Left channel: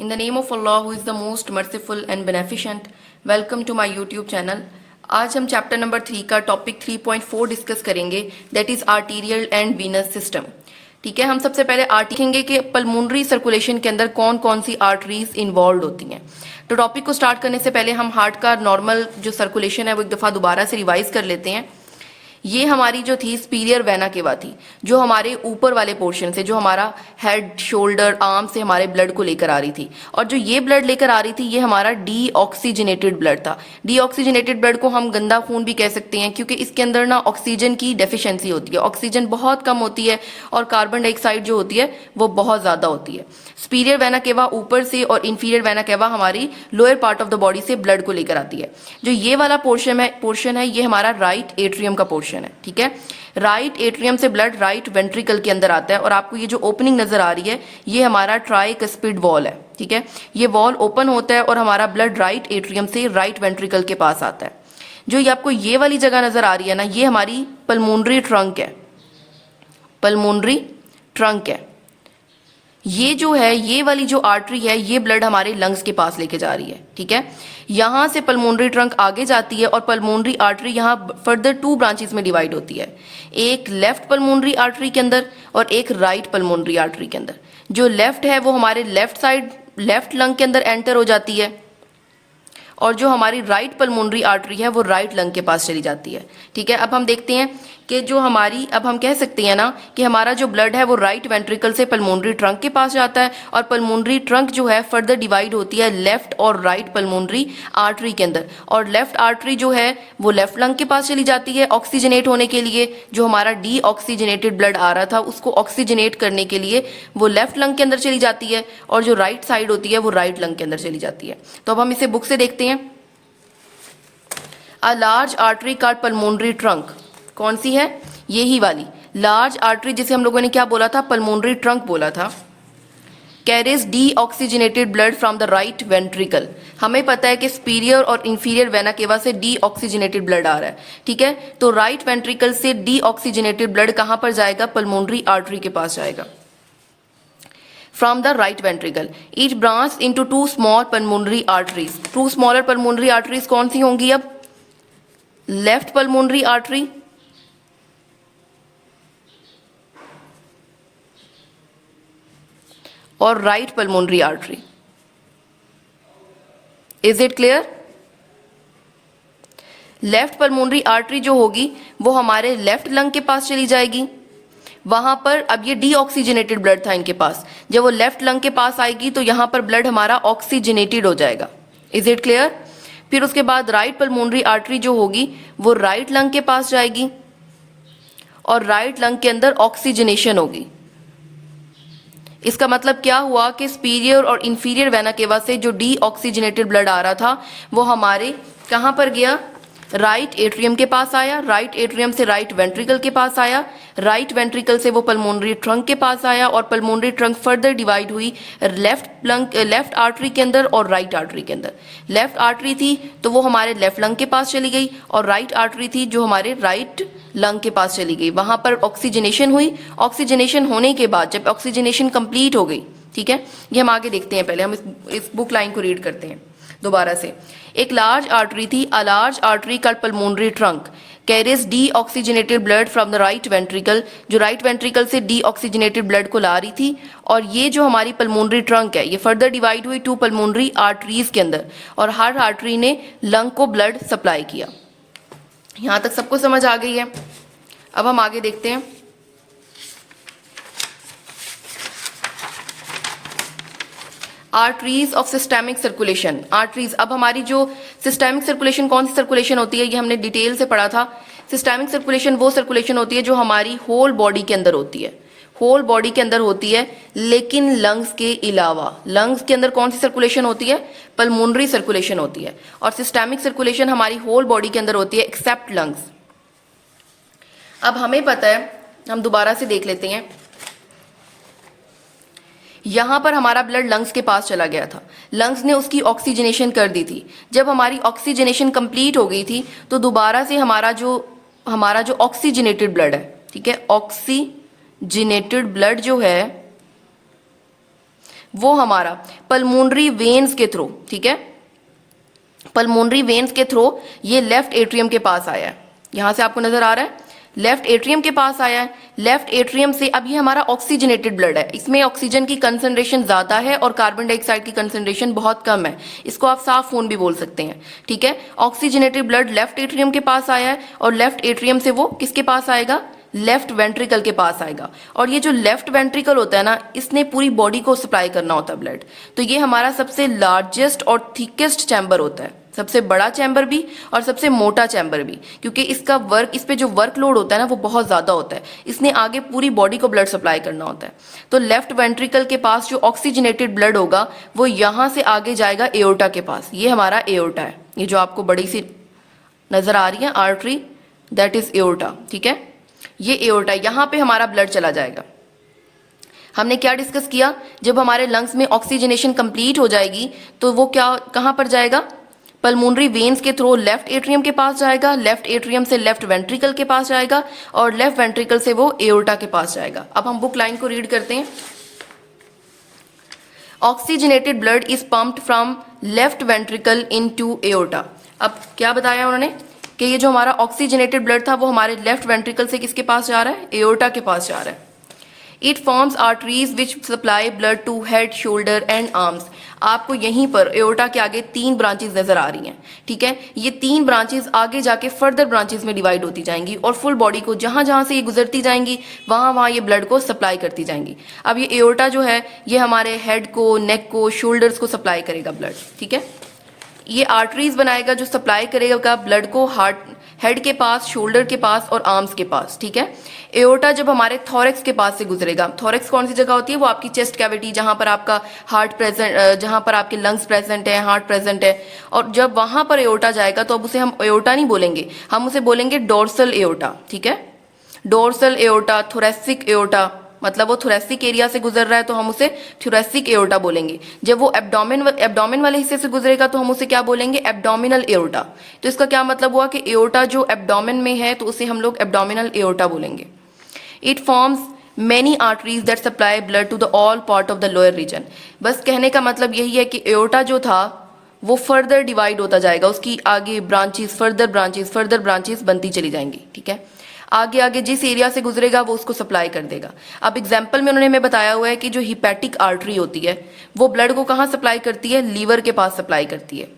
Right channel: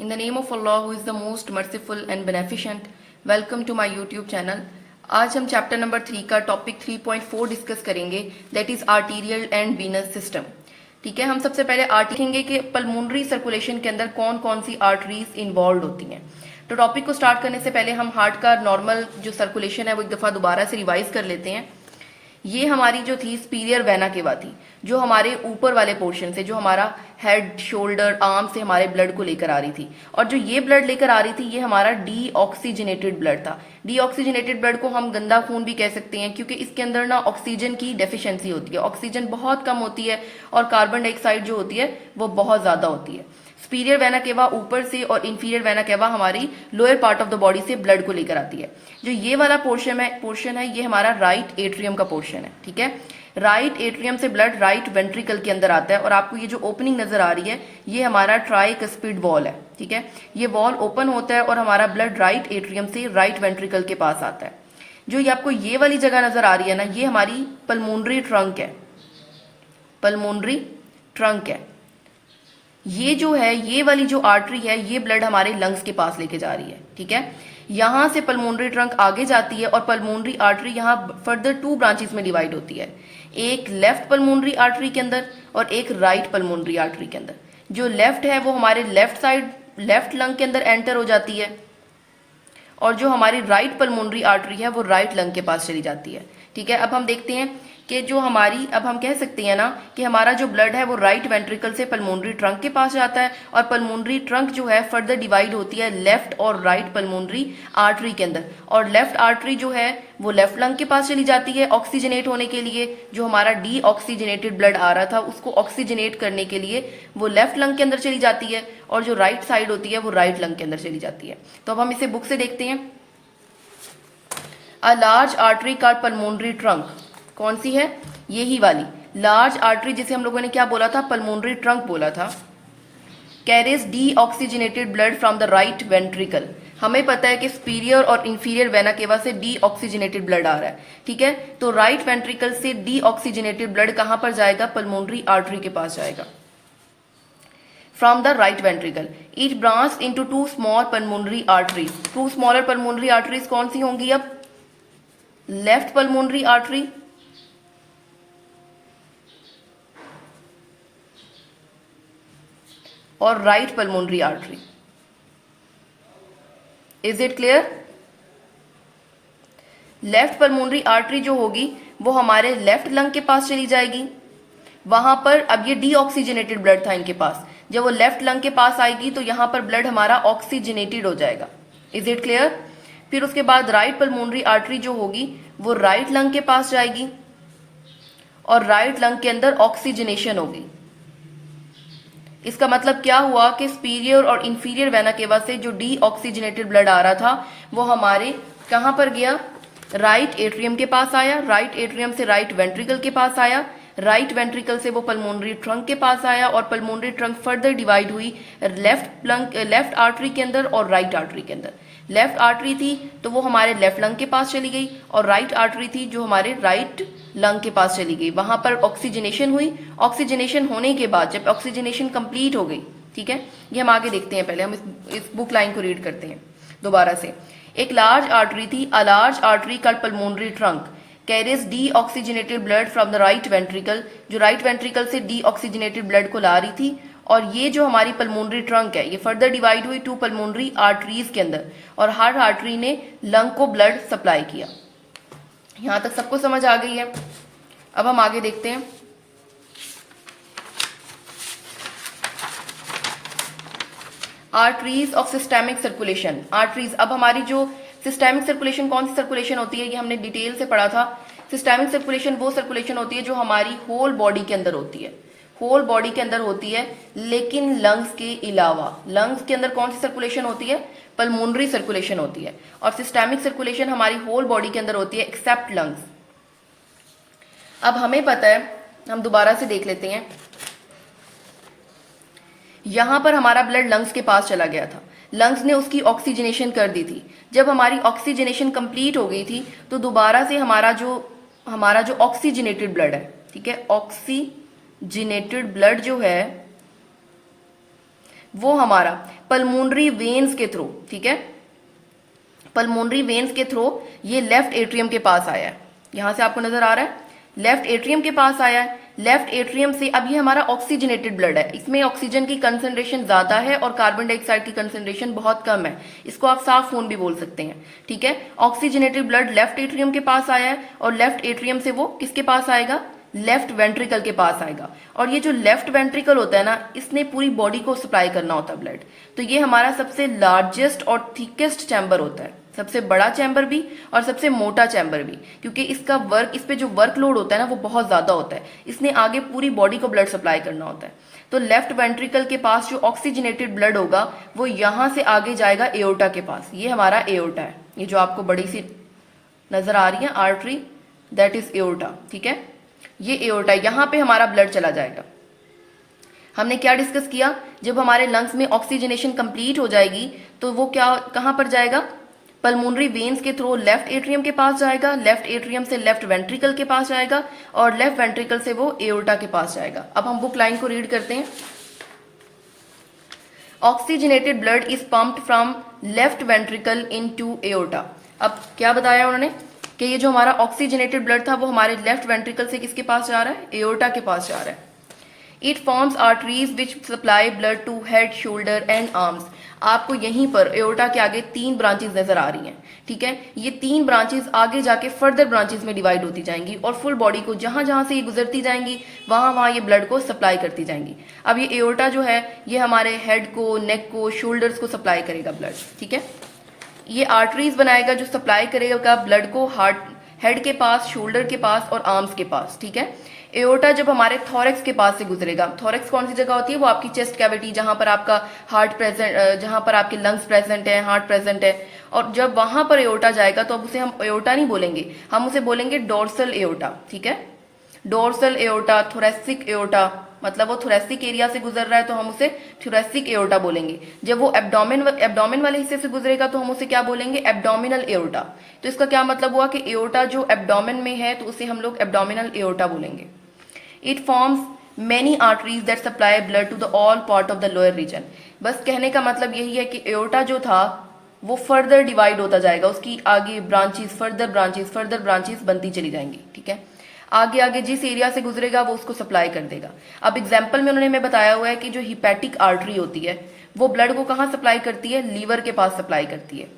In the name of Allah, who is the most merciful and beneficent, welcome to my YouTube channel. आज हम chapter number 3 का topic 3.4 discuss करेंगे, that is arterial and venous system. ठीक है, हम सबसे पहले देखेंगे कि पल्मोनरी सर्कुलेशन के अंदर कौन कौन सी आर्टरीज इन्वॉल्व होती हैं. तो टॉपिक को स्टार्ट करने से पहले हम हार्ट का नॉर्मल जो सर्कुलेशन है वो एक दफ़ा दोबारा से रिवाइज कर लेते हैं. ये हमारी जो थी सुपीरियर वेना केवा थी, जो हमारे ऊपर वाले पोर्शन से, जो हमारा हेड शोल्डर आर्म से हमारे ब्लड को लेकर आ रही थी. और जो ये ब्लड लेकर आ रही थी ये हमारा डीऑक्सीजनेटेड ब्लड था. डीऑक्सीजनेटेड ब्लड को हम गंदा खून भी कह सकते हैं, क्योंकि इसके अंदर ना ऑक्सीजन की डेफिशिएंसी होती है. ऑक्सीजन बहुत कम होती है और कार्बन डाइऑक्साइड जो होती है वो बहुत ज्यादा होती है. सुपीरियर वेना केवा ऊपर से और इंफीरियर वेना केवा हमारी lower part of the body से ब्लड को लेकर आती है. जो ये वाला पोर्शन है ये हमारा राइट एट्रियम का पोर्शन है. ठीक है, राइट एट्रियम से ब्लड राइट वेंट्रिकल के अंदर आता है और आपको ये जो ओपनिंग नजर आ रही है ये हमारा ट्राइकस्पिड वॉल है. ठीक है, ये वॉल ओपन होता है और हमारा ब्लड राइट एट्रियम से राइट वेंट्रिकल के पास आता है. जो ये आपको ये वाली जगह नजर आ रही है ना, ये हमारी पल्मोनरी ट्रंक है. पल्मोनरी ट्रंक है. ये जो है, ये वाली जो आर्टरी है ये ब्लड हमारे लंग्स के पास लेके जा रही है. ठीक है, यहां से पल्मोनरी ट्रंक आगे जाती है और पल्मोनरी आर्टरी यहाँ फर्दर 2 ब्रांचेस में डिवाइड होती है. एक लेफ्ट पल्मोनरी आर्टरी के अंदर और एक राइट पल्मोनरी आर्टरी के अंदर. जो लेफ्ट है वो हमारे लेफ्ट साइड लेफ्ट लंग के अंदर एंटर हो जाती है और जो हमारी राइट पल्मोनरी आर्टरी है वो राइट लंग के पास चली जाती है. ठीक है, अब हम देखते हैं कि जो हमारी, अब हम कह सकते हैं ना कि हमारा जो ब्लड है वो राइट वेंट्रिकल से पल्मोनरी ट्रंक के पास जाता है और पल्मोनरी ट्रंक जो है फर्दर डिवाइड होती है लेफ्ट और राइट पल्मोनरी आर्टरी के अंदर. और लेफ्ट आर्टरी जो है वो लेफ्ट लंग के पास चली जाती है ऑक्सीजनेट होने के लिए. जो हमारा डीऑक्सीजनेटेड ब्लड आ रहा था उसको ऑक्सीजनेट करने के लिए वो लेफ्ट लंग के अंदर चली जाती है और जो राइट साइड होती है वो राइट लंग के अंदर चली जाती है. तो अब हम इसे बुक से देखते हैं. A large artery card pulmonary trunk कौन सी है? यही वाली लार्ज आर्टरी जिसे हम लोगों ने क्या बोला था? पल्मोनरी ट्रंक बोला था. Carries deoxygenated blood from the right ventricle. हमें पता है कि सुपीरियर और इंफीरियर वेना केवा से डीऑक्सीजनेटेड ब्लड आ रहा है. ठीक है, तो राइट वेंट्रिकल से डीऑक्सीजनेटेड ब्लड कहां पर जाएगा? पल्मोनरी आर्टरी के पास जाएगा. From the right ventricle, each branch into 2 small pulmonary arteries. 2 smaller pulmonary arteries कौन सी होंगी? अब लेफ्ट पल्मोनरी आर्टरी और right pulmonary artery. Is it clear? Left pulmonary artery जो होगी वो हमारे लेफ्ट लंग के पास चली जाएगी. वहां पर अब ये डीऑक्सीजनेटेड ब्लड था इनके पास, जब वो लेफ्ट लंग के पास आएगी तो यहां पर ब्लड हमारा ऑक्सीजनेटेड हो जाएगा. Is it clear? फिर उसके बाद राइट पल्मोनरी आर्टरी जो होगी वो राइट लंग के पास जाएगी और राइट लंग के अंदर ऑक्सीजनेशन होगी. इसका मतलब क्या हुआ कि सुपीरियर और इंफीरियर वेना केवा से जो डीऑक्सीजनेटेड ब्लड आ रहा था वो हमारे कहां पर गया? राइट एट्रियम के पास आया. राइट एट्रियम से राइट वेंट्रिकल के पास आया. राइट वेंट्रिकल से वो पल्मोनरी ट्रंक के पास आया और पल्मोनरी ट्रंक फर्दर डिवाइड हुई लेफ्ट आर्टरी के अंदर और राइट आर्टरी के अंदर. लेफ्ट आर्टरी थी तो वो हमारे लेफ्ट लंग के पास चली गई और राइट आर्टरी थी जो हमारे राइट लंग के पास चली गई. वहां पर ऑक्सीजनेशन हुई. ऑक्सीजनेशन होने के बाद जब ऑक्सीजनेशन कंप्लीट हो गई, ठीक है, ये हम आगे देखते हैं. पहले हम इस बुक लाइन को रीड करते हैं दोबारा से. एक लार्ज आर्टरी थी. A large artery called pulmonary trunk carries deoxygenated blood from the right ventricle. जो राइट वेंट्रिकल से डीऑक्सीजनेटेड ब्लड को ला रही थी. और ये जो हमारी पल्मोनरी ट्रंक है ये फर्दर डिवाइड हुई 2 पल्मोनरी आर्टरीज के अंदर और हर आर्टरी ने लंग को ब्लड सप्लाई किया. यहां तक सबको समझ आ गई है? अब हम आगे देखते हैं. Arteries of systemic circulation. Arteries, अब हमारी जो सिस्टेमिक सर्कुलेशन कौन सी सर्कुलेशन होती है ये हमने डिटेल से पढ़ा था. सिस्टेमिक सर्कुलेशन वो सर्कुलेशन होती है जो हमारी होल बॉडी के अंदर होती है. होल बॉडी के अंदर होती है लेकिन लंग्स के अलावा. लंग्स के अंदर कौन सी सर्कुलेशन होती है? पल्मोनरी सर्कुलेशन होती है. और सिस्टेमिक सर्कुलेशन हमारी होल बॉडी के अंदर होती है एक्सेप्ट लंग्स. अब हमें पता है, हम दोबारा से देख लेते हैं. यहां पर हमारा ब्लड लंग्स के पास चला गया था. लंग्स ने उसकी ऑक्सीजनेशन कर दी थी. जब हमारी ऑक्सीजनेशन कंप्लीट हो गई थी तो दोबारा से हमारा जो ऑक्सीजनेटेड ब्लड है, ठीक है, ऑक्सीजनेटेड ब्लड जो है वो हमारा पल्मोनरी वेन्स के थ्रू, ठीक है, पल्मोनरी वेन्स के थ्रू ये लेफ्ट एट्रियम के पास आया है। यहां से आपको नजर आ रहा है लेफ्ट एट्रियम के पास आया है। लेफ्ट एट्रियम से अब ये हमारा ऑक्सीजनेटेड ब्लड है, इसमें ऑक्सीजन की कंसंट्रेशन ज्यादा है और कार्बन डाइऑक्साइड की कंसंट्रेशन बहुत कम है। इसको आप साफ खून भी बोल सकते हैं, ठीक है। ऑक्सीजनेटेड ब्लड लेफ्ट एट्रियम के पास आया है और लेफ्ट एट्रियम से वो किसके पास आएगा, लेफ्ट वेंट्रिकल के पास आएगा। और ये जो लेफ्ट वेंट्रिकल होता है ना, इसने पूरी बॉडी को सप्लाई करना होता है ब्लड। तो ये हमारा सबसे लार्जेस्ट और थिकेस्ट चैम्बर होता है, सबसे बड़ा चैम्बर भी और सबसे मोटा चैम्बर भी, क्योंकि इसका वर्क, इस पे जो वर्कलोड होता है ना वो बहुत ज्यादा होता है। इसने आगे पूरी बॉडी को ब्लड सप्लाई करना होता है। तो लेफ्ट वेंट्रिकल के पास जो ऑक्सीजनेटेड ब्लड होगा वो यहां से आगे जाएगा एओर्टा के पास। ये हमारा एओर्टा है, ये जो आपको बड़ी सी नजर आ रही है आर्टरी, दैट इज एओर्टा, ठीक है। ये एओर्टा, यहां पे हमारा ब्लड चला जाएगा। हमने क्या डिस्कस किया, जब हमारे लंग्स में ऑक्सीजनेशन कंप्लीट हो जाएगी तो वो क्या, कहां पर जाएगा, पल्मोनरी वेन्स के थ्रू लेफ्ट एट्रियम के पास जाएगा, लेफ्ट एट्रियम से लेफ्ट वेंट्रिकल के पास जाएगा और लेफ्ट वेंट्रिकल से वो एओर्टा के पास जाएगा। अब हम बुक लाइन को रीड करते हैं। Oxygenated blood is pumped from left ventricle into aorta. अब क्या बताया उन्होंने कि ये जो हमारा ऑक्सीजनेटेड ब्लड था वो हमारे लेफ्ट वेंट्रिकल से किसके पास जा रहा है, एओर्टा के पास जा रहा है। It forms arteries which supply blood to head, shoulder and arms. आपको यहीं पर एओर्टा के आगे 3 ब्रांचेस नजर आ रही हैं, ठीक है। ये 3 ब्रांचेस आगे जाके फर्दर ब्रांचेस में डिवाइड होती जाएंगी और फुल बॉडी को जहां जहां से ये गुजरती जाएंगी वहां वहां ये ब्लड को सप्लाई करती जाएंगी। अब ये एओर्टा जो है ये हमारे हेड को, नेक को, शोल्डर्स को सप्लाई करेगा ब्लड, ठीक है। ये आर्टरीज बनाएगा जो सप्लाई करेगा ब्लड को हार्ट, हेड के पास, शोल्डर के पास और आर्म्स के पास, ठीक है। एओर्टा जब हमारे थोरेक्स के पास से गुजरेगा, थोरेक्स कौन सी जगह होती है, वो आपकी चेस्ट कैविटी, जहां पर आपका हार्ट प्रेजेंट, जहां पर आपके लंग्स प्रेजेंट है, हार्ट प्रेजेंट है। और जब वहां पर एओर्टा जाएगा तो अब उसे हम एओर्टा नहीं बोलेंगे, हम उसे बोलेंगे डोर्सल एओर्टा, ठीक है। डोर्सल एओर्टा, थोरेसिक एओर्टा, मतलब वो थोरेसिक एरिया से गुजर रहा है तो हम उसे थोरेसिक एओर्टा बोलेंगे। जब वो एब्डोमेन वाले हिस्से से गुजरेगा तो हम उसे क्या बोलेंगे, एब्डोमिनल एओर्टा। तो इसका क्या मतलब हुआ कि एओर्टा जो एब्डोमेन में है तो उसे हम लोग एब्डोमिनल एओर्टा बोलेंगे। It forms many arteries that supply blood to the all part of the lower region. बस कहने का मतलब यही है कि एओर्टा जो था वो फर्दर डिवाइड होता जाएगा, उसकी आगे ब्रांचेस, फर्दर ब्रांचेस बनती चली जाएंगी, ठीक है। आगे आगे जिस एरिया से गुजरेगा वो उसको सप्लाई कर देगा। अब एग्जाम्पल में उन्होंने हमें बताया हुआ है कि जो हिपैटिक आर्टरी होती है वो ब्लड को कहाँ सप्लाई करती है, लीवर के पास सप्लाई करती है।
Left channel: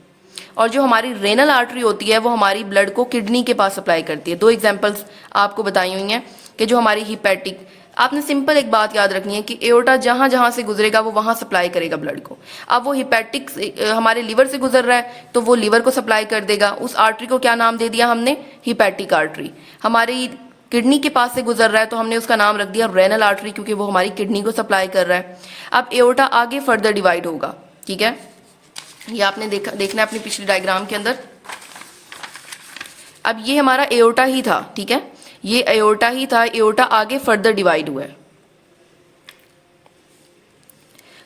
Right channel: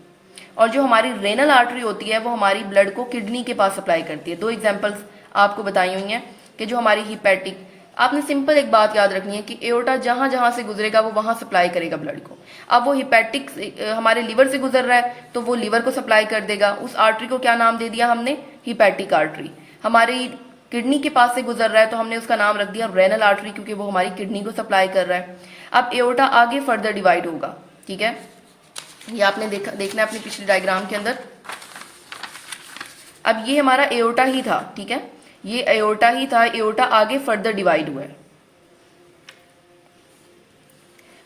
और जो हमारी रेनल आर्टरी होती है वो हमारी ब्लड को किडनी के पास सप्लाई करती है। 2 एग्जाम्पल्स आपको बताई हुई हैं कि जो हमारी हिपैटिक, आपने सिंपल एक बात याद रखनी है कि एओर्टा जहां जहां से गुजरेगा वो वहां सप्लाई करेगा ब्लड को। अब वो हिपैटिक हमारे लीवर से गुजर रहा है तो वो लीवर को सप्लाई कर देगा। उस आर्टरी को क्या नाम दे दिया हमने, हिपैटिक आर्टरी। हमारी किडनी के पास से गुजर रहा है तो हमने उसका नाम रख दिया रेनल आर्टरी, क्योंकि वो हमारी किडनी को सप्लाई कर रहा है। अब एओर्टा आगे फर्दर डिवाइड होगा, ठीक है। ये आपने देखना अपनी पिछली डायग्राम के अंदर। अब ये हमारा एओर्टा ही था, ठीक है, ये एओर्टा ही था। एओर्टा आगे फर्दर डिवाइड हुआ है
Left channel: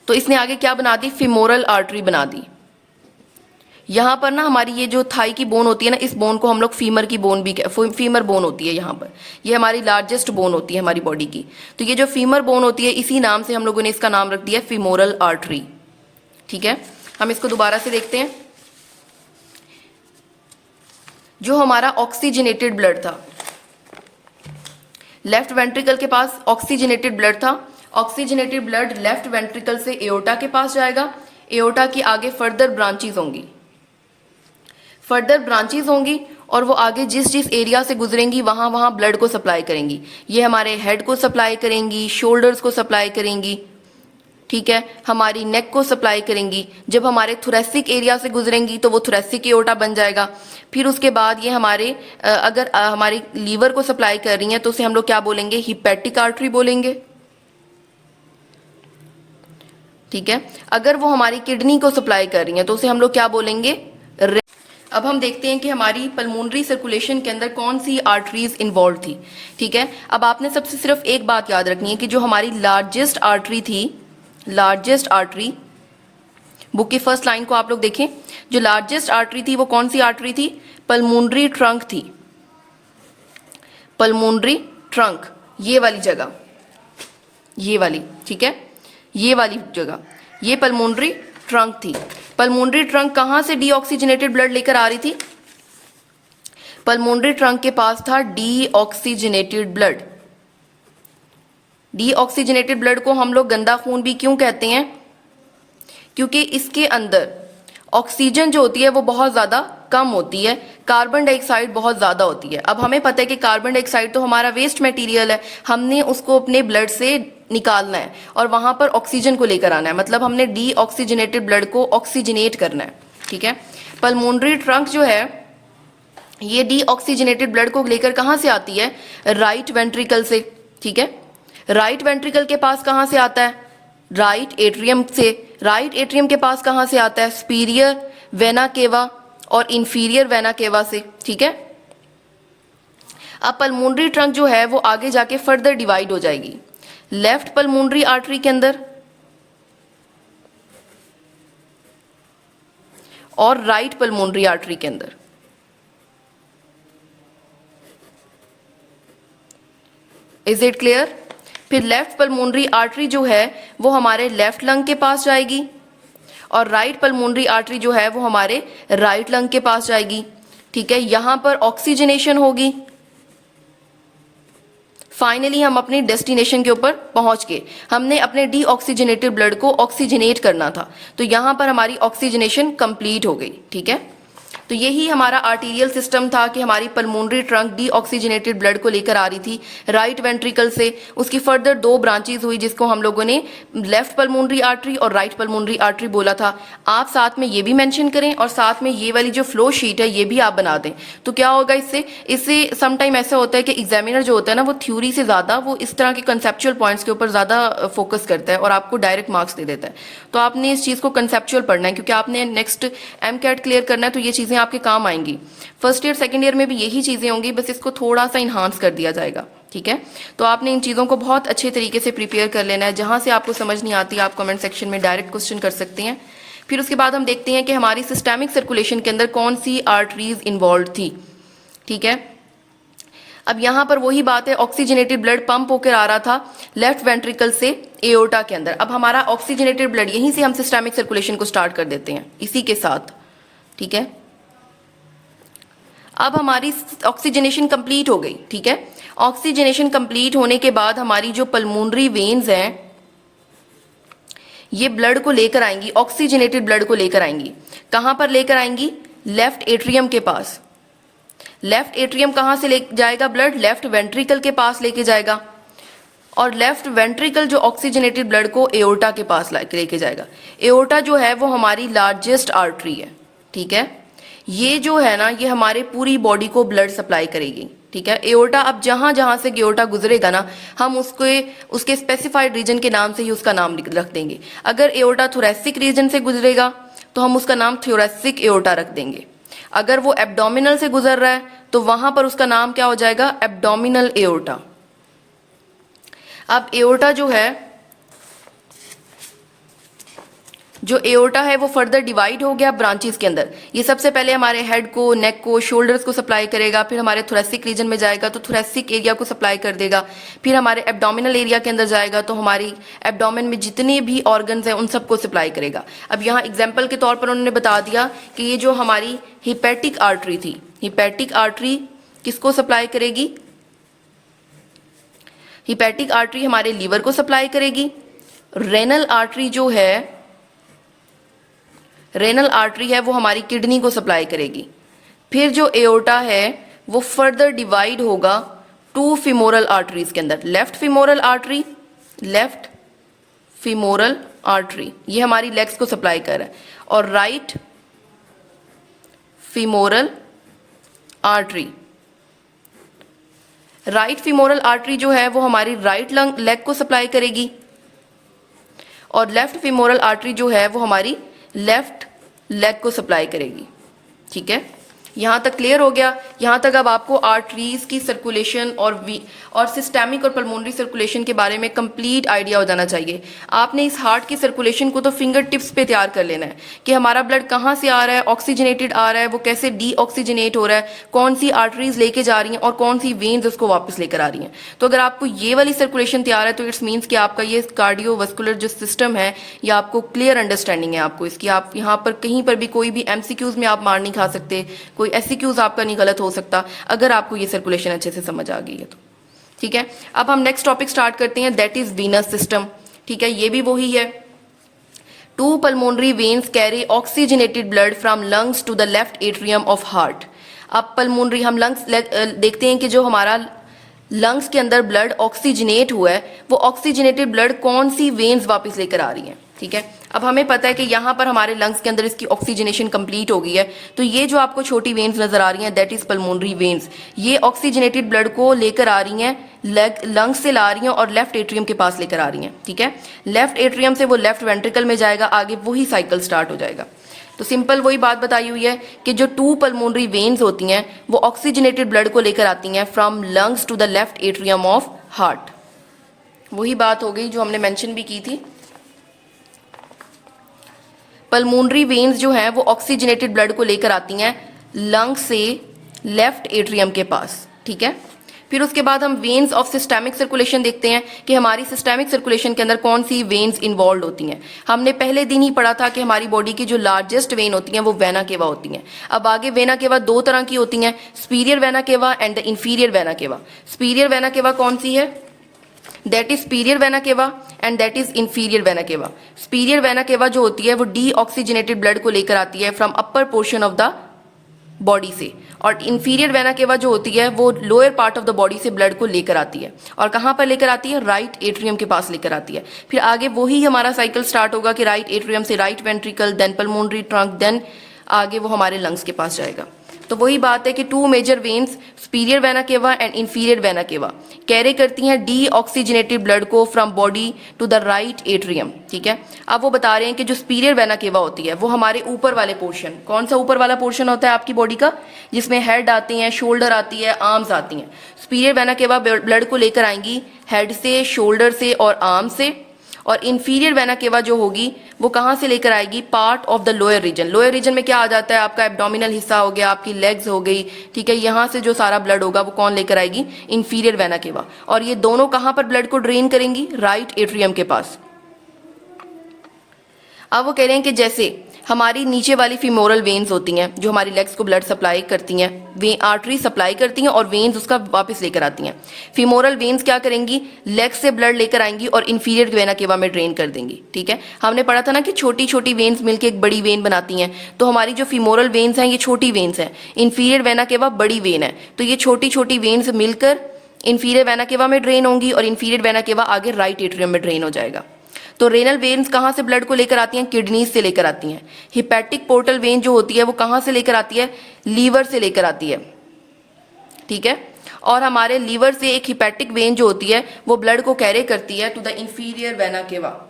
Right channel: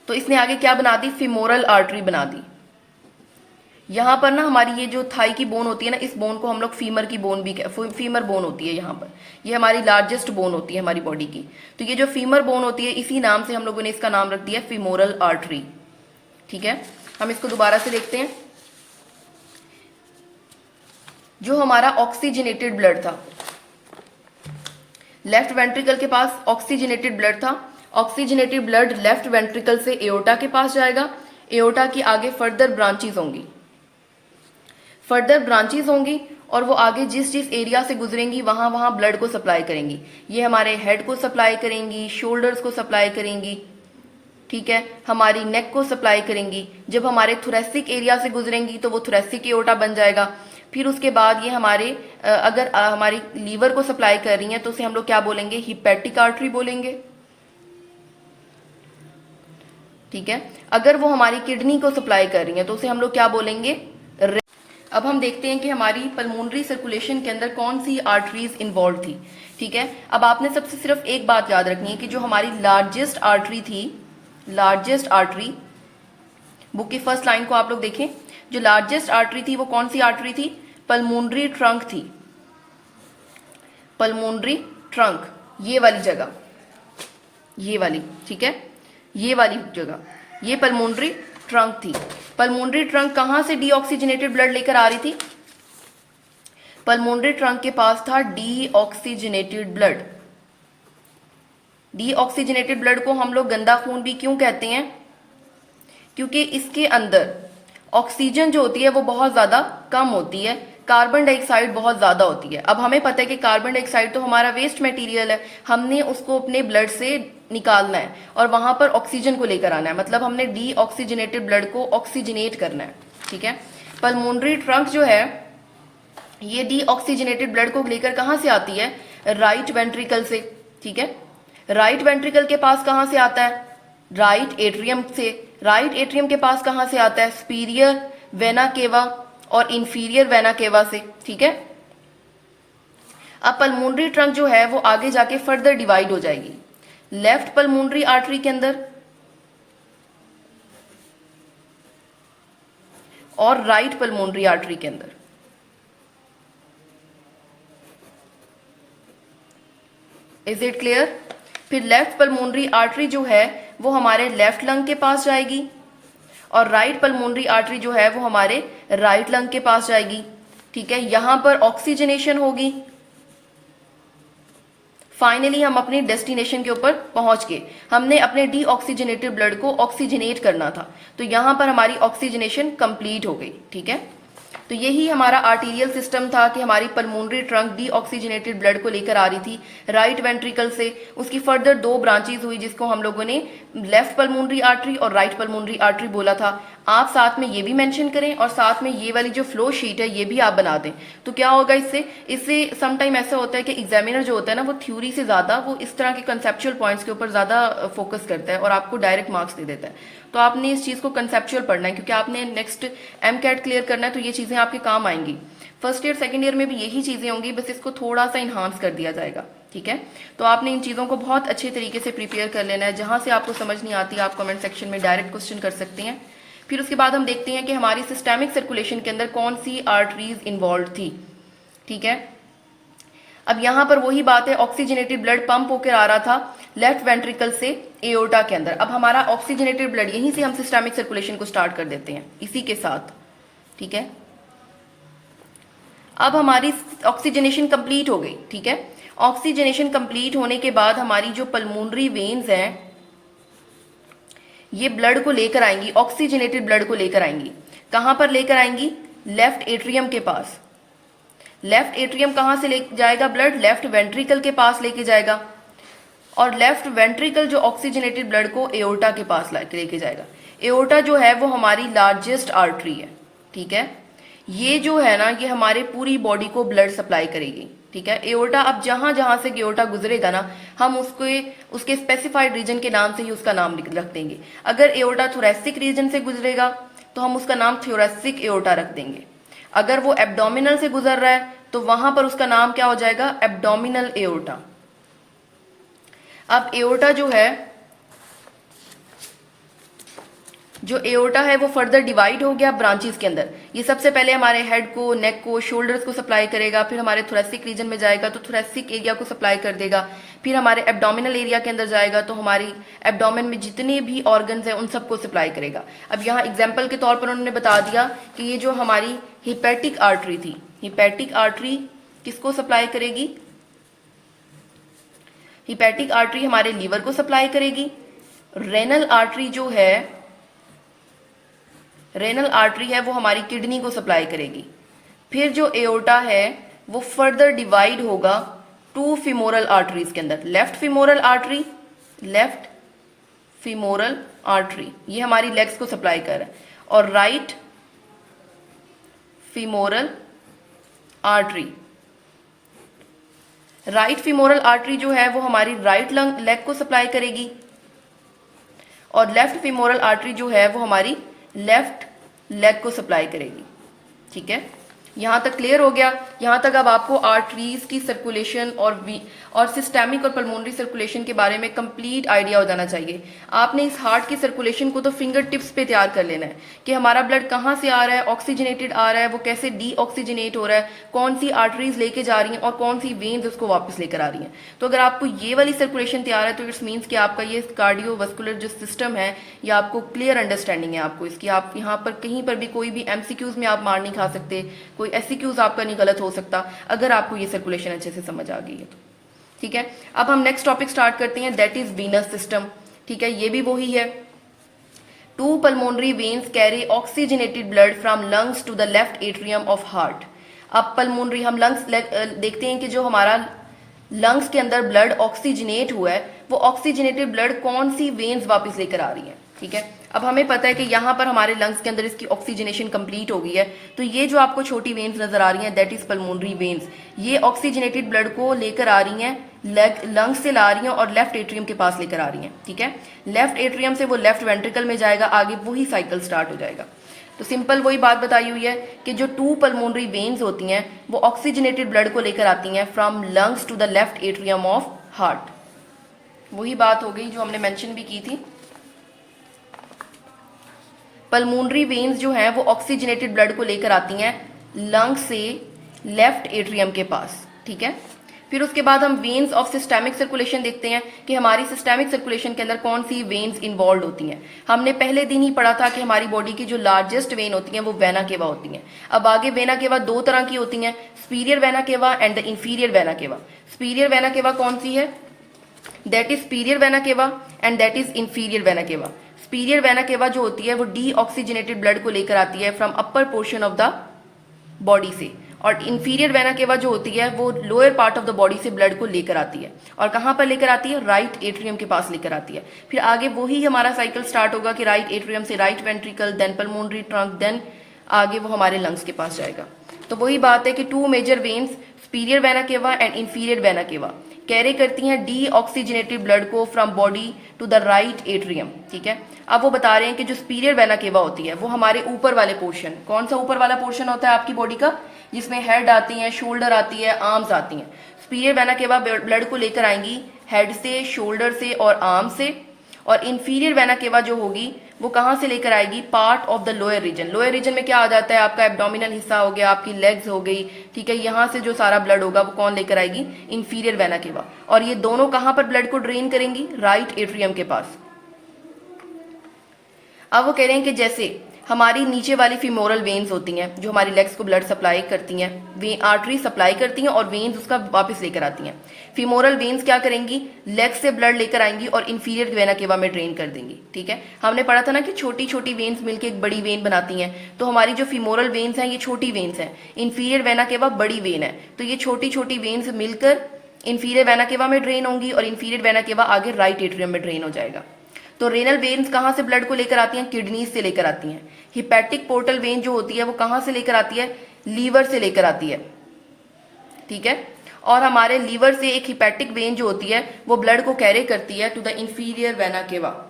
तो इसने आगे क्या बना दी, फिमोरल आर्टरी बना दी। यहां पर ना हमारी ये जो थाई की बोन होती है ना, इस बोन को हम लोग फीमर की बोन भी, फीमर बोन होती है यहाँ पर, ये हमारी लार्जेस्ट बोन होती है हमारी बॉडी की। तो ये जो फीमर बोन होती है इसी नाम से हम लोगों ने इसका नाम रख दिया फिमोरल आर्टरी, ठीक है। हम इसको दोबारा से देखते हैं। जो हमारा ऑक्सीजनेटेड ब्लड था, लेफ्ट वेंट्रिकल के पास ऑक्सीजनेटेड ब्लड था। ऑक्सीजनेटेड ब्लड लेफ्ट वेंट्रिकल से एओर्टा के पास जाएगा। एओर्टा की आगे फर्दर ब्रांचेस होंगी और वो आगे जिस जिस एरिया से गुजरेंगी वहां वहां ब्लड को सप्लाई करेंगी। ये हमारे हेड को सप्लाई करेंगी, शोल्डर्स को सप्लाई करेंगी, ठीक है, हमारी नेक को सप्लाई करेंगी। जब हमारे थोरेसिक एरिया से गुजरेंगी तो वो थोरेसिक एओर्टा बन जाएगा। फिर उसके बाद ये हमारे अगर हमारी लीवर को सप्लाई कर रही हैं तो उसे हम लोग क्या बोलेंगे, हिपैटिक आर्टरी बोलेंगे, ठीक है। अगर वो हमारी किडनी को सप्लाई कर रही हैं तो उसे हम लोग क्या बोलेंगे। अब हम देखते हैं कि हमारी पल्मोनरी सर्कुलेशन के अंदर कौन सी आर्टरीज इन्वॉल्व थी, ठीक है। अब आपने सबसे सिर्फ एक बात याद रखनी है कि जो हमारी लार्जेस्ट आर्टरी थी, लार्जेस्ट आर्टरी, बुक की फर्स्ट लाइन को आप लोग देखें, जो लार्जेस्ट आर्टरी थी वो कौन सी आर्टरी थी, पल्मोनरी ट्रंक थी। पल्मोनरी ट्रंक, ये वाली जगह, ये वाली, ठीक है, ये वाली जगह, ये पल्मोनरी ट्रंक थी। पल्मोनरी ट्रंक कहां से डीऑक्सीजनेटेड ब्लड लेकर आ रही थी? पल्मोनरी ट्रंक के पास था डीऑक्सीजनेटेड ब्लड। डीऑक्सीजनेटेड ब्लड को हम लोग गंदा खून भी क्यों कहते हैं? क्योंकि इसके अंदर ऑक्सीजन जो होती है वो बहुत ज्यादा कम होती है, कार्बन डाइऑक्साइड बहुत ज्यादा होती है। अब हमें पता है कि कार्बन डाइऑक्साइड तो हमारा वेस्ट मटेरियल है, हमने उसको अपने ब्लड से निकालना है और वहां पर ऑक्सीजन को लेकर आना है, मतलब हमने डीऑक्सीजनेटेड ब्लड को ऑक्सीजनेट करना है। ठीक है, पल्मोनरी ट्रंक जो है ये डीऑक्सीजनेटेड ब्लड को लेकर कहां से आती है? राइट वेंट्रिकल से। ठीक है, राइट वेंट्रिकल के पास कहां से आता है? राइट एट्रियम से। राइट एट्रियम के पास कहां से आता है? सुपीरियर वेना केवा और इंफीरियर वेना केवा से। ठीक है, अब पल्मोनरी ट्रंक जो है वो आगे जाके फर्दर डिवाइड हो जाएगी लेफ्ट पल्मोनरी आर्टरी के अंदर और राइट पल्मोनरी आर्टरी के अंदर। Is it clear? फिर लेफ्ट पल्मोनरी आर्टरी जो है वो हमारे लेफ्ट लंग के पास जाएगी और राइट पल्मोनरी आर्टरी जो है वो हमारे राइट लंग के पास जाएगी। ठीक है, यहां पर ऑक्सीजनेशन होगी। फाइनली हम अपने डेस्टिनेशन के ऊपर पहुंच गए। हमने अपने डीऑक्सीजनेटेड ब्लड को ऑक्सीजनेट करना था, तो यहां पर हमारी ऑक्सीजनेशन कंप्लीट हो गई। ठीक है, तो यही हमारा आर्टीरियल सिस्टम था कि हमारी पल्मोनरी ट्रंक डीऑक्सीजनेटेड ब्लड को लेकर आ रही थी राइट वेंट्रिकल से। उसकी फर्दर दो ब्रांचेस हुई जिसको हम लोगों ने लेफ्ट पल्मोनरी आर्टरी और राइट पल्मोनरी आर्टरी बोला था। आप साथ में ये भी मेंशन करें और साथ में ये वाली जो फ्लो शीट है ये भी आप बना दें, तो क्या होगा इससे समटाइम ऐसा होता है कि एग्जामिनर जो होता है ना वो थ्योरी से ज्यादा वो इस तरह के कंसेप्चुअल पॉइंट्स के ऊपर ज्यादा फोकस करता है और आपको डायरेक्ट मार्क्स दे देता है। तो आपने इस चीज को कंसेप्चुअल पढ़ना है क्योंकि आपने नेक्स्ट एमकैट क्लियर करना है, तो ये चीजें आपके काम आएंगी। फर्स्ट ईयर सेकंड ईयर में भी यही चीजें होंगी, बस इसको थोड़ा सा इन्हांस कर दिया जाएगा। ठीक है, तो आपने इन चीजों को बहुत अच्छे तरीके से प्रिपेयर कर लेना है। जहां से आपको समझ नहीं आती आप कमेंट सेक्शन में डायरेक्ट क्वेश्चन कर सकते हैं। फिर उसके बाद हम देखते हैं कि हमारी सिस्टेमिक सर्कुलेशन के अंदर कौन सी आर्टरीज इन्वॉल्व थी। ठीक है, अब यहां पर वही बात है, ऑक्सीजनेटेड ब्लड पंप होकर आ रहा था लेफ्ट वेंट्रिकल से एओर्टा के अंदर। अब हमारा ऑक्सीजनेटेड ब्लड, यहीं से हम सिस्टेमिक सर्कुलेशन को स्टार्ट कर देते हैं इसी के साथ। ठीक है, अब हमारी ऑक्सीजनेशन कंप्लीट हो गई। ठीक है, ऑक्सीजनेशन कंप्लीट होने के बाद हमारी जो पल्मोनरी वेन्स हैं ये ब्लड को लेकर आएंगी, ऑक्सीजनेटेड ब्लड को लेकर आएंगी। कहां पर लेकर आएंगी? लेफ्ट एट्रियम के पास। लेफ्ट एट्रियम कहां से ले जाएगा ब्लड? लेफ्ट वेंट्रिकल के पास लेके जाएगा और लेफ्ट वेंट्रिकल जो ऑक्सीजनेटेड ब्लड को एओर्टा के पास लेके जाएगा। एओर्टा जो है वो हमारी लार्जेस्ट आर्टरी है। ठीक है, ये जो है ना ये हमारे पूरी बॉडी को ब्लड सप्लाई करेगी। ठीक है, एओर्टा, अब जहां जहां से एओर्टा गुजरेगा ना हम उसके स्पेसिफाइड रीजन के नाम से ही उसका नाम रख देंगे। अगर एओर्टा थोरेसिक रीजन से गुजरेगा तो हम उसका नाम थोरेसिक एओर्टा रख देंगे। अगर वो एब्डोमिनल से गुजर रहा है तो वहां पर उसका नाम क्या हो जाएगा? Abdominal aorta. अब एओर्टा जो है, जो एओर्टा है वो फर्दर डिवाइड हो गया ब्रांचेस के अंदर। ये सबसे पहले हमारे हेड को, नेक को, शोल्डर्स को सप्लाई करेगा, फिर हमारे थोरेसिक रीजन में जाएगा तो थोरेसिक एरिया को सप्लाई कर देगा, फिर हमारे एब्डोमिनल एरिया के अंदर जाएगा तो हमारी एब्डोमेन में जितने भी ऑर्गन्स हैं उन सबको सप्लाई करेगा। अब यहाँ एग्जाम्पल के तौर पर उन्होंने बता दिया कि ये जो हमारी हिपैटिक आर्टरी थी, हिपैटिक आर्टरी किसको सप्लाई करेगी? हिपैटिक आर्टरी हमारे लीवर को सप्लाई करेगी। रेनल आर्टरी जो है, रेनल आर्टरी है वो हमारी किडनी को सप्लाई करेगी। फिर जो एओर्टा है वो फर्दर डिवाइड होगा टू फीमोरल आर्टरीज के अंदर। Left femoral artery, left femoral artery ये हमारी लेग्स को सप्लाई कर रहा है, और right femoral artery, right femoral artery जो है वो हमारी राइट लेग को सप्लाई करेगी, और लेफ्ट फीमोरल आर्टरी जो है वो हमारी लेफ्ट लेग को सप्लाई करेगी। ठीक है, यहाँ तक क्लियर हो गया। यहाँ तक अब आपको आर्टरीज की सर्कुलेशन और सिस्टेमिक और पल्मोनरी सर्कुलेशन के बारे में कंप्लीट आइडिया हो जाना चाहिए। आपने इस हार्ट की सर्कुलेशन को तो फिंगर टिप्स पे तैयार कर लेना है कि हमारा ब्लड कहाँ से आ रहा है, ऑक्सीजनेटेड आ रहा है, वो कैसे डीऑक्सीजनेट हो रहा है, कौन सी आर्टरीज लेके जा रही हैं और कौन सी वेन्स उसको वापस लेकर आ रही हैं। तो अगर आपको ये वाली सर्कुलेशन तैयार है तो इट्स मीन्स कि आपका ये कार्डियोवास्कुलर जो सिस्टम है ये आपको क्लियर अंडरस्टैंडिंग है आपको इसकी। आप यहाँ पर कहीं पर भी कोई भी एमसीक्यूज में आप मार नहीं खा सकते, कोई एससीक्यूज आपका नहीं गलत हो सकता अगर आपको ये सर्कुलेशन अच्छे से समझ आ गई है तो। ठीक है, अब हम नेक्स्ट टॉपिक स्टार्ट करते हैं, दैट इज वीनस सिस्टम। ठीक है, ये भी वही है। To pulmonary veins carry oxygenated blood from lungs to the left atrium of heart. अब पल्मोनरी हम लंग्स देखते हैं कि जो हमारा लंग्स के अंदर ब्लड ऑक्सीजनेट हुआ है वो ऑक्सीजनेटेड ब्लड कौन सी वेन्स वापस लेकर आ रही है। ठीक है, अब हमें पता है कि यहाँ पर हमारे लंग्स के अंदर इसकी ऑक्सीजनेशन कंप्लीट हो गई है, तो ये जो आपको छोटी वेन्स नजर आ रही हैं दैट इज पल्मोनरी वेन्स। ये ऑक्सीजनेटेड ब्लड को लेकर आ रही हैं, लंग्स से ला रही हैं और लेफ्ट एट्रियम के पास लेकर आ रही हैं। ठीक है, लेफ्ट एट्रियम से वो लेफ्ट वेंट्रिकल में जाएगा, आगे वही साइकिल स्टार्ट हो जाएगा। तो सिंपल वही बात बताई हुई है कि जो टू पल्मोनरी वेन्स होती हैं वो ऑक्सीजनेटेड ब्लड को लेकर आती हैं from lungs to the left atrium of heart. वही बात हो गई जो हमने मेंशन भी की थी। पल्मोनरी वेन्स जो हैं वो ऑक्सीजनेटेड ब्लड को लेकर आती हैं लंग से लेफ्ट एट्रियम के पास। ठीक है, फिर उसके बाद हम वेन्स ऑफ सिस्टेमिक सर्कुलेशन देखते हैं कि हमारी सिस्टेमिक सर्कुलेशन के अंदर कौन सी वेन्स इन्वॉल्व होती हैं। हमने पहले दिन ही पढ़ा था कि हमारी बॉडी की जो लार्जेस्ट वेन होती हैं वो वेना केवा होती हैं। अब आगे वेना केवा दो तरह की होती हैं, superior vena cava and the inferior vena केवा। सुपीरियर वेना केवा कौन सी है? That is superior vena cava and that is inferior vena केवा। सुपीरियर वेना केवा जो होती है वो डीऑक्सीजनेटेड ब्लड को लेकर आती है from upper portion of the body से, और इंफीरियर वेना केवा जो होती है वो lower part of the body से ब्लड को लेकर आती है। और कहाँ पर लेकर आती है? राइट एट्रियम के पास लेकर आती है। फिर आगे वही हमारा साइकिल स्टार्ट होगा कि राइट एट्रियम से right ventricle, then pulmonary trunk, then आगे वो हमारे लंग्स के पास जाएगा। तो वही बात है कि two major veins superior vena cava and inferior vena cava carry करती हैं डीऑक्सीजनेटेड ब्लड को from body to the right atrium. ठीक है, अब वो बता रहे हैं कि जो सुपीरियर वेना केवा होती है वो हमारे ऊपर वाले पोर्शन, कौन सा ऊपर वाला पोर्शन होता है आपकी बॉडी का, जिसमें हेड आती है, शोल्डर आती है, आर्म्स आती हैं। सुपीरियर वेना केवा ब्लड को लेकर आएंगी हेड से, शोल्डर से और आर्म से। और इंफीरियर वेना केवा जो होगी वो कहाँ से लेकर आएगी? Part of the lower region. Lower region में क्या आ जाता है? आपका एब्डोमिनल हिस्सा हो गया, आपकी लेग्स हो गई। ठीक है, यहाँ से जो सारा ब्लड होगा वो कौन लेकर आएगी? इंफीरियर वेना केवा। और ये दोनों कहाँ पर ब्लड को ड्रेन करेंगी? राइट एट्रियम के पास। अब वो कह रहे हैं कि जैसे हमारी नीचे वाली फीमोरल वेन्स होती हैं जो हमारी लेग्स को ब्लड सप्लाई करती हैं, वे आर्टरी सप्लाई करती हैं और वेन्स उसका वापस लेकर आती हैं। फीमोरल वेन्स क्या करेंगी? लेग्स से ब्लड लेकर आएंगी और इंफीरियर वेना केवा में ड्रेन कर देंगी। ठीक है, हमने पढ़ा था ना कि छोटी छोटी वेन्स मिलकर एक बड़ी वेन बनाती हैं, तो हमारी जो फीमोरल वेन्स हैं ये छोटी वेन्स हैं, इंफीरियर वेना केवा बड़ी वेन है, तो ये छोटी छोटी वेन्स मिलकर इंफीरियर वेना केवा में ड्रेन होंगी और इंफीरियर वेना केवा आगे राइट एट्रियम में ड्रेन हो जाएगा। तो रेनल वेन्स कहाँ से ब्लड को लेकर आती हैं? किडनीज से लेकर आती हैं। हिपैटिक पोर्टल वेन जो होती है वो कहाँ से लेकर आती है? लीवर से लेकर आती है। ठीक है, और हमारे लीवर से एक हिपैटिक वेन जो होती है वो ब्लड को कैरी करती है टू द इंफीरियर वेना केवा।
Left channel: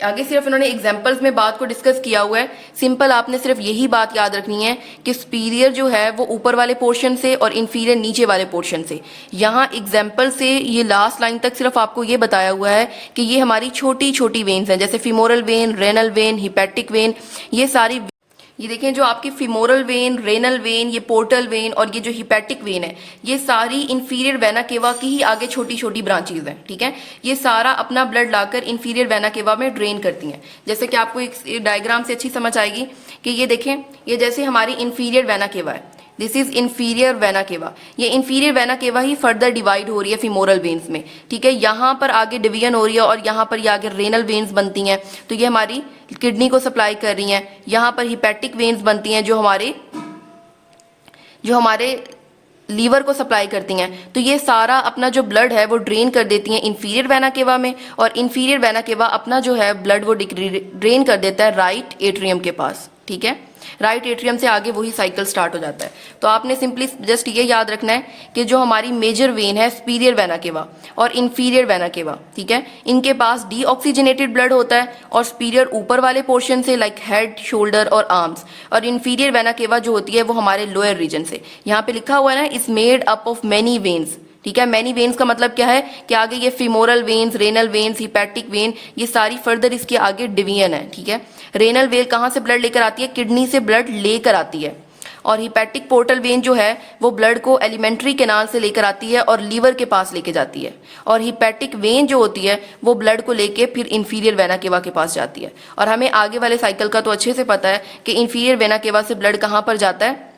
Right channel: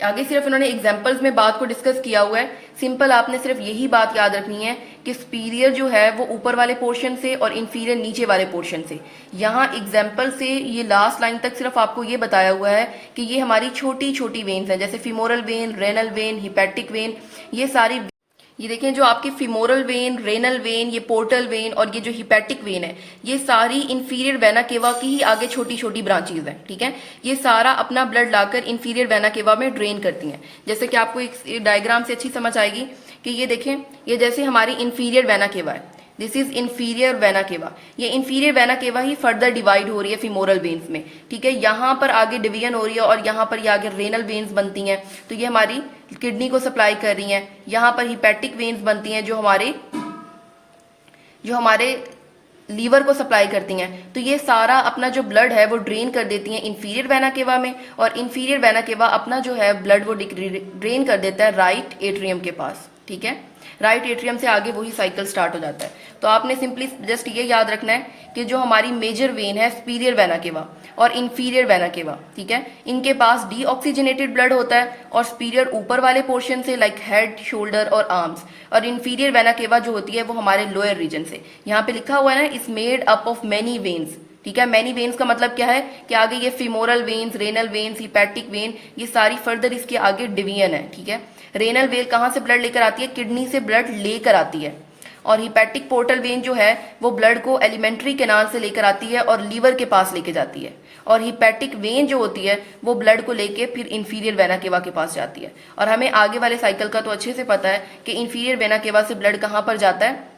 आगे सिर्फ उन्होंने एग्जाम्पल्स में बात को डिस्कस किया हुआ है। सिंपल आपने सिर्फ यही बात याद रखनी है कि सुपीरियर जो है वो ऊपर वाले पोर्शन से और इंफीरियर नीचे वाले पोर्शन से। यहाँ एग्जाम्पल से ये लास्ट लाइन तक सिर्फ आपको ये बताया हुआ है कि ये हमारी छोटी छोटी वेन्स हैं, जैसे femoral when, renal vein, hepatic vein, ये सारी। ये देखें जो आपकी फीमोरल वेन, रेनल वेन, ये पोर्टल वेन और ये जो हिपैटिक वेन है ये सारी इंफीरियर वेना केवा की ही आगे छोटी छोटी ब्रांचेज हैं। ठीक है, ये सारा अपना ब्लड लाकर इंफीरियर वेना केवा में ड्रेन करती हैं। जैसे कि आपको एक डायग्राम से अच्छी समझ आएगी कि ये देखें, ये जैसे हमारी इंफीरियर वेना केवा है, दिस इज इंफीरियर वेना केवा। ये इंफीरियर वेना केवा ही फर्दर डिवाइड हो रही है फीमोरल वेन्स में। ठीक है, यहाँ पर आगे डिवीजन हो रही है और यहाँ पर ये आगे रेनल वेन्स बनती हैं, तो ये हमारी किडनी को सप्लाई कर रही हैं। यहाँ पर हिपैटिक वेन्स बनती हैं जो हमारे लीवर को सप्लाई करती हैं। तो ये सारा अपना जो ब्लड है वो ड्रेन कर देती हैं इंफीरियर वेना केवा में, और इंफीरियर वेना केवा अपना जो है ब्लड वो ड्रेन कर देता है राइट एट्रियम के पास। ठीक है। राइट एट्रियम से आगे वही साइकिल स्टार्ट हो जाता है। तो आपने सिंपली जस्ट ये याद रखना है कि जो हमारी मेजर वेन है सुपीरियर वेना केवा और इंफीरियर वेना केवा, ठीक है, इनके पास डीऑक्सीजनेटेड ब्लड होता है और सुपीरियर ऊपर वाले पोर्शन से लाइक हेड, शोल्डर और आर्म्स, और इंफीरियर वेना केवा जो होती है वो हमारे लोअर रीजन से। यहाँ पे लिखा हुआ है ना, is made up of many veins, ठीक है। मैनी वेन्स का मतलब क्या है कि आगे ये femoral veins, renal veins, hepatic vein, ये सारी फर्दर इसके आगे डिवीजन है, ठीक है। रेनल वेन कहाँ से ब्लड लेकर आती है? किडनी से ब्लड लेकर आती है। और हिपैटिक पोर्टल वेन जो है वो ब्लड को एलिमेंट्री कैनाल से लेकर आती है और लीवर के पास लेके जाती है। और हिपैटिक वेन जो होती है वो ब्लड को लेके फिर इंफीरियर वेना केवा के पास जाती है। और हमें आगे वाले साइकिल का तो अच्छे से पता है कि इंफीरियर वेना केवा से ब्लड कहाँ पर जाता है?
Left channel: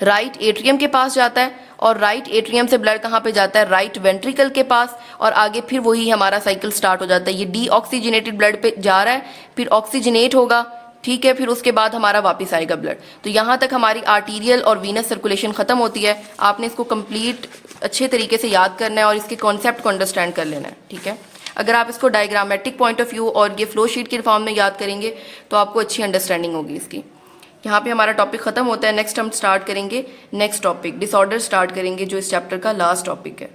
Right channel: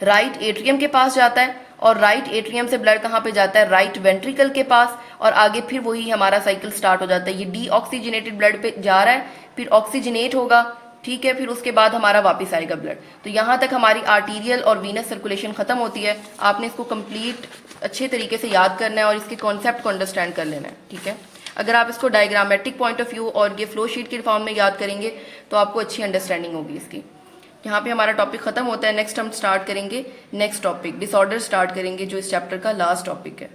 राइट एट्रियम के पास जाता है। और राइट एट्रियम से ब्लड कहाँ पे जाता है? राइट वेंट्रिकल के पास। और आगे फिर वही हमारा साइकिल स्टार्ट हो जाता है। ये डीऑक्सीजनेटेड ब्लड पे जा रहा है, फिर ऑक्सीजनेट होगा, ठीक है, फिर उसके बाद हमारा वापस आएगा ब्लड। तो यहाँ तक हमारी आर्टीरियल और वीनस सर्कुलेशन खत्म होती है। आपने इसको कंप्लीट अच्छे तरीके से याद करना है और इसके कॉन्सेप्ट को अंडरस्टैंड कर लेना है, ठीक है। अगर आप इसको डायग्रामेटिक पॉइंट ऑफ व्यू और ये फ्लो शीट के फॉर्म में याद करेंगे तो आपको अच्छी अंडरस्टैंडिंग होगी इसकी। यहाँ पे हमारा टॉपिक खत्म होता है। नेक्स्ट हम स्टार्ट करेंगे नेक्स्ट टॉपिक, डिसऑर्डर स्टार्ट करेंगे, जो इस चैप्टर का लास्ट टॉपिक है।